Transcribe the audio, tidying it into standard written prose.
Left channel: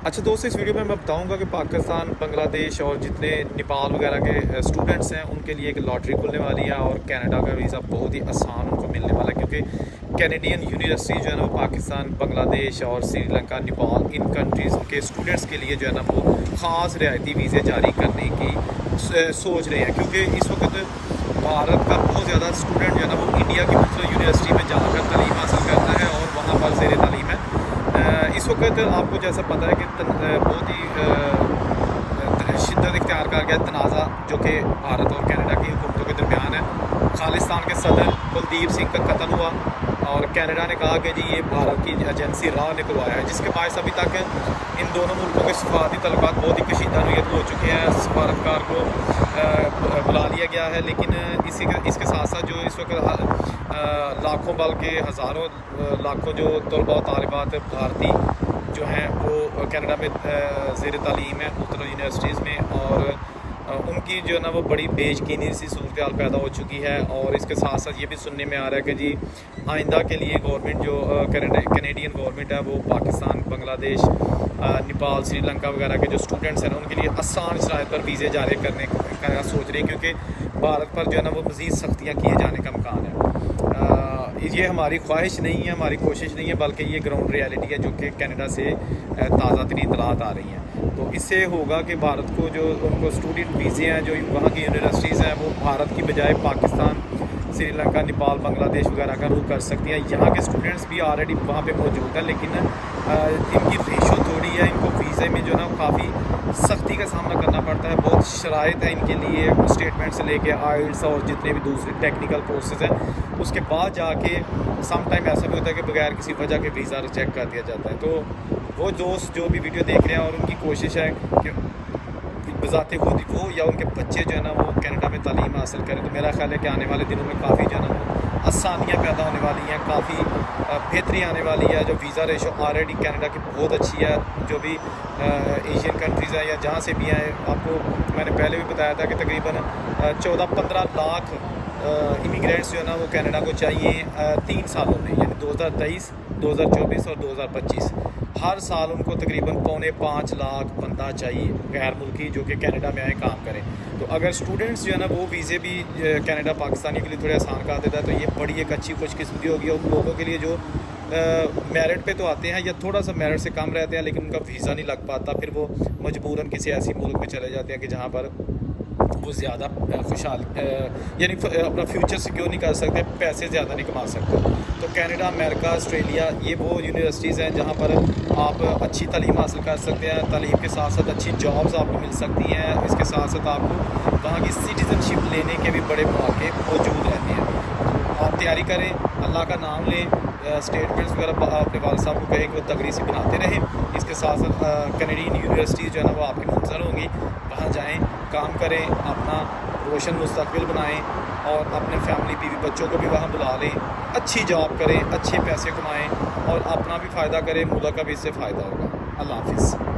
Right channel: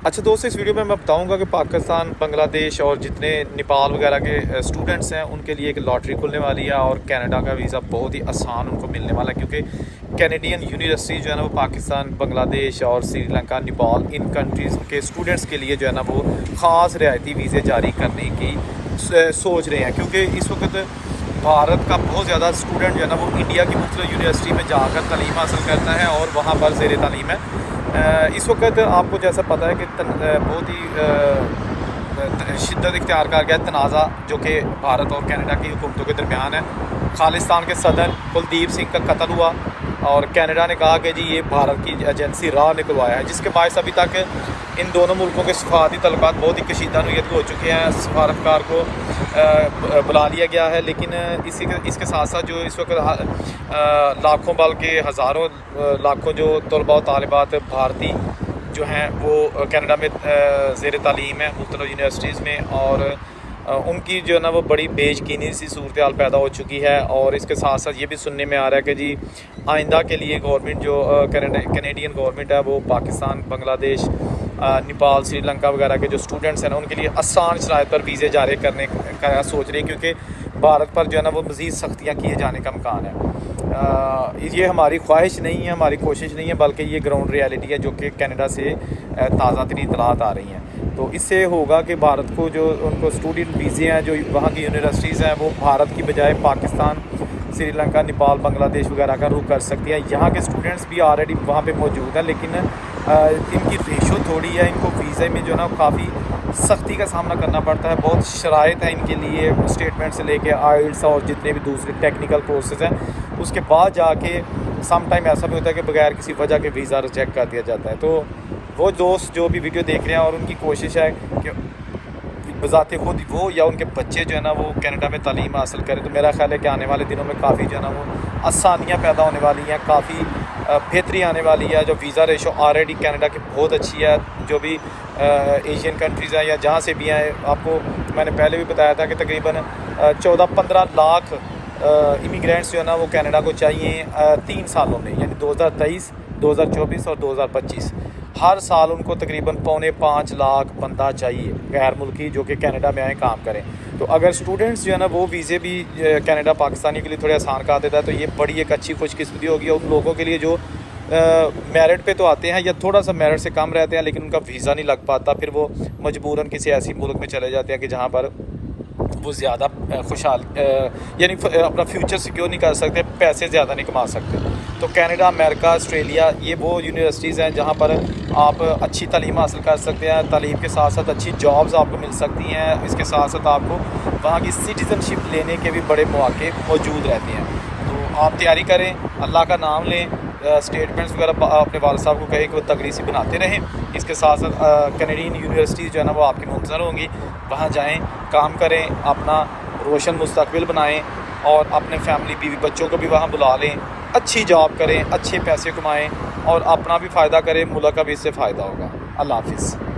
अच्छा दोस्तों, इस वीडियो में मैं बताऊंगा कि पाकिस्तान, बांग्लादेश और जितने नेपाल वगैरह के स्टूडेंट्स हैं उनके लिए एक लॉटरी खुलने वाली है और कनाडा का वीज़ा बहुत ही आसान उनको मिलने वाला है, क्योंकि कैनेडियन यूनिवर्सिटी जो है ना वो पाकिस्तान, बांग्लादेश और श्रीलंका, नेपाल इन कंट्रीज़ के स्टूडेंट्स के लिए जो है ना वो ख़ास रियायती वीज़े जारी करने की सोच रहे हैं। क्योंकि इस वक्त भारत का बहुत ज़्यादा स्टूडेंट जो है ना वो इंडिया की मुख्तलिफ यूनिवर्सिटी में जाकर तालीम हासिल करता है और वहाँ पर ज़ेर तालीम है। इस वक्त आपको जैसा पता है कि बहुत ही शिद्दत इख्तियार कर गया तनाज़ा जो कि भारत और कनाडा की हुकूमतों के दरमियान है। खालिस्तान के सदर कुलदीप सिंह का कत्ल हुआ और कनाडा ने कहा कि जी ये भारत की एजेंसी राह ने करवाया है, जिसके बायस अभी तक इन दोनों मुल्कों के सफारती तल्लुकात बहुत ही कशीदा नोयत हो चुके हैं। सफारतकार को बुला लिया गया है, लेकिन इसके साथ साथ जो इस वक्त लाखों बल्कि हज़ारों लाखों जो तलबा और तालिबात भारतीय जो हैं वो कनाडा में ज़ेर तालीम है मुख्तलिफ यूनिवर्सिटीज़ में, और उनकी जो है ना वो बड़ी बेयकीनी सी सूरत हाल पैदा हो चुकी है। और इसके साथ साथ ये भी सुनने में आ रहा है कि जी आइंदा के लिए गवर्नमेंट जो कैनेडियन गवर्नमेंट है वो पाकिस्तान, बांग्लादेश, नेपाल, श्रीलंका वगैरह के जो स्टूडेंट्स हैं ना उनके लिए आसान शराइत पर वीज़े जारी करने का सोच रही है, क्योंकि भारत पर जो है ना वो मज़ीद सख्तियाँ किए जाने का इम्कान है। ये हमारी ख्वाहिश नहीं है, हमारी कोशिश नहीं है, बल्कि ये ग्राउंड रियलिटी है जो कि कनाडा से ताज़ा तरीन इतलात आ रही हैं। तो इससे होगा कि भारत को जो उनको स्टूडेंट वीज़े हैं जो वहाँ की यूनिवर्सिटीज़ हैं वो भारत की बजाय पाकिस्तान, श्रीलंका, नेपाल, बांग्लादेश वगैरह का रुख कर सकती हैं। यहाँ के स्टूडेंट्स भी ऑलरेडी वहाँ पे मौजूद हैं, लेकिन इनकी रेशो थोड़ी है, इनको वीज़े में जो है ना काफ़ी सख्ती का सामना करना पड़ता है। बहुत शराइत है इनके लिए, स्टेटमेंट से लेके आइल्स और जितने भी दूसरे टेक्निकल प्रोसेस हैं, उसके बाद जाके सम टाइम ऐसा भी होता है कि बगैर किसी वजह के वीज़ा रिजेक्ट कर दिया जाता है। तो वो दोस्त जो भी वीडियो देख रहे हैं और उनकी कोशिश है कि बज़ाते खुद वो या उनके बच्चे जो है ना वो कनाडा में तालीम हासिल करें, तो मेरा ख्याल है कि आने वाले दिनों में काफ़ी जो है ना वो आसानियाँ पैदा होने वाली हैं, काफ़ी बेहतरी आने वाली है। जो वीज़ा रेशो ऑलरेडी कनाडा की बहुत अच्छी है, जो भी एशियन कंट्रीज़ हैं या जहाँ से भी हैं, आपको मैंने पहले भी बताया था कि तकरीबन 14-15 लाख इमिग्रेंट्स जो है ना वो कनाडा को चाहिए 3 सालों में, यानी 2023, 2024 और 2025। हर साल उनको तकरीबन 4.25 लाख बंदा चाहिए गैर मुल्की जो कि कनाडा में आए काम करें। तो अगर स्टूडेंट्स जो है ना वो वीज़े भी कनाडा पाकिस्तानी के लिए थोड़े आसान कर देता है तो ये बड़ी एक अच्छी खुशकिस्मती होगी उन लोगों के लिए जो मेरिट पे तो आते हैं या थोड़ा सा मेरिट से कम रहते हैं, लेकिन उनका वीज़ा नहीं लग पाता, फिर वो मजबूरन किसी ऐसी मुल्क में चले जाते हैं कि जहाँ पर वो ज़्यादा खुशहाल यानी अपना फ्यूचर सिक्योर नहीं कर सकते, पैसे ज़्यादा नहीं कमा सकते। तो कनाडा, अमेरिका, ऑस्ट्रेलिया ये वो यूनिवर्सिटीज़ हैं जहाँ पर आप अच्छी तालीम हासिल कर सकते हैं, तालीम के साथ साथ अच्छी जॉब्स आपको मिल सकती हैं। इसके साथ साथ आपको वहाँ की सिटीज़नशिप लेने के भी बड़े मौके मौजूद रहते हैं। तो आप तैयारी करें, अल्लाह का नाम लें, स्टेटमेंट्स वगैरह अपने वालिद साहब को कहें कि वो तगड़ी सी बनाते रहें। इसके साथ साथ कैनेडियन यूनिवर्सिटीज़ जो है ना वो आपकी मुंतज़र होंगी, वहाँ जाएं, काम करें, अपना रोशन मुस्तकबिल बनाएं और अपने फैमिली, बीवी, बच्चों को भी वहाँ बुला लें, अच्छी जॉब करें, अच्छे पैसे कमाएं और अपना भी फ़ायदा करें, मुल्क का भी इससे फ़ायदा होगा। अल्लाह हाफ़िज़।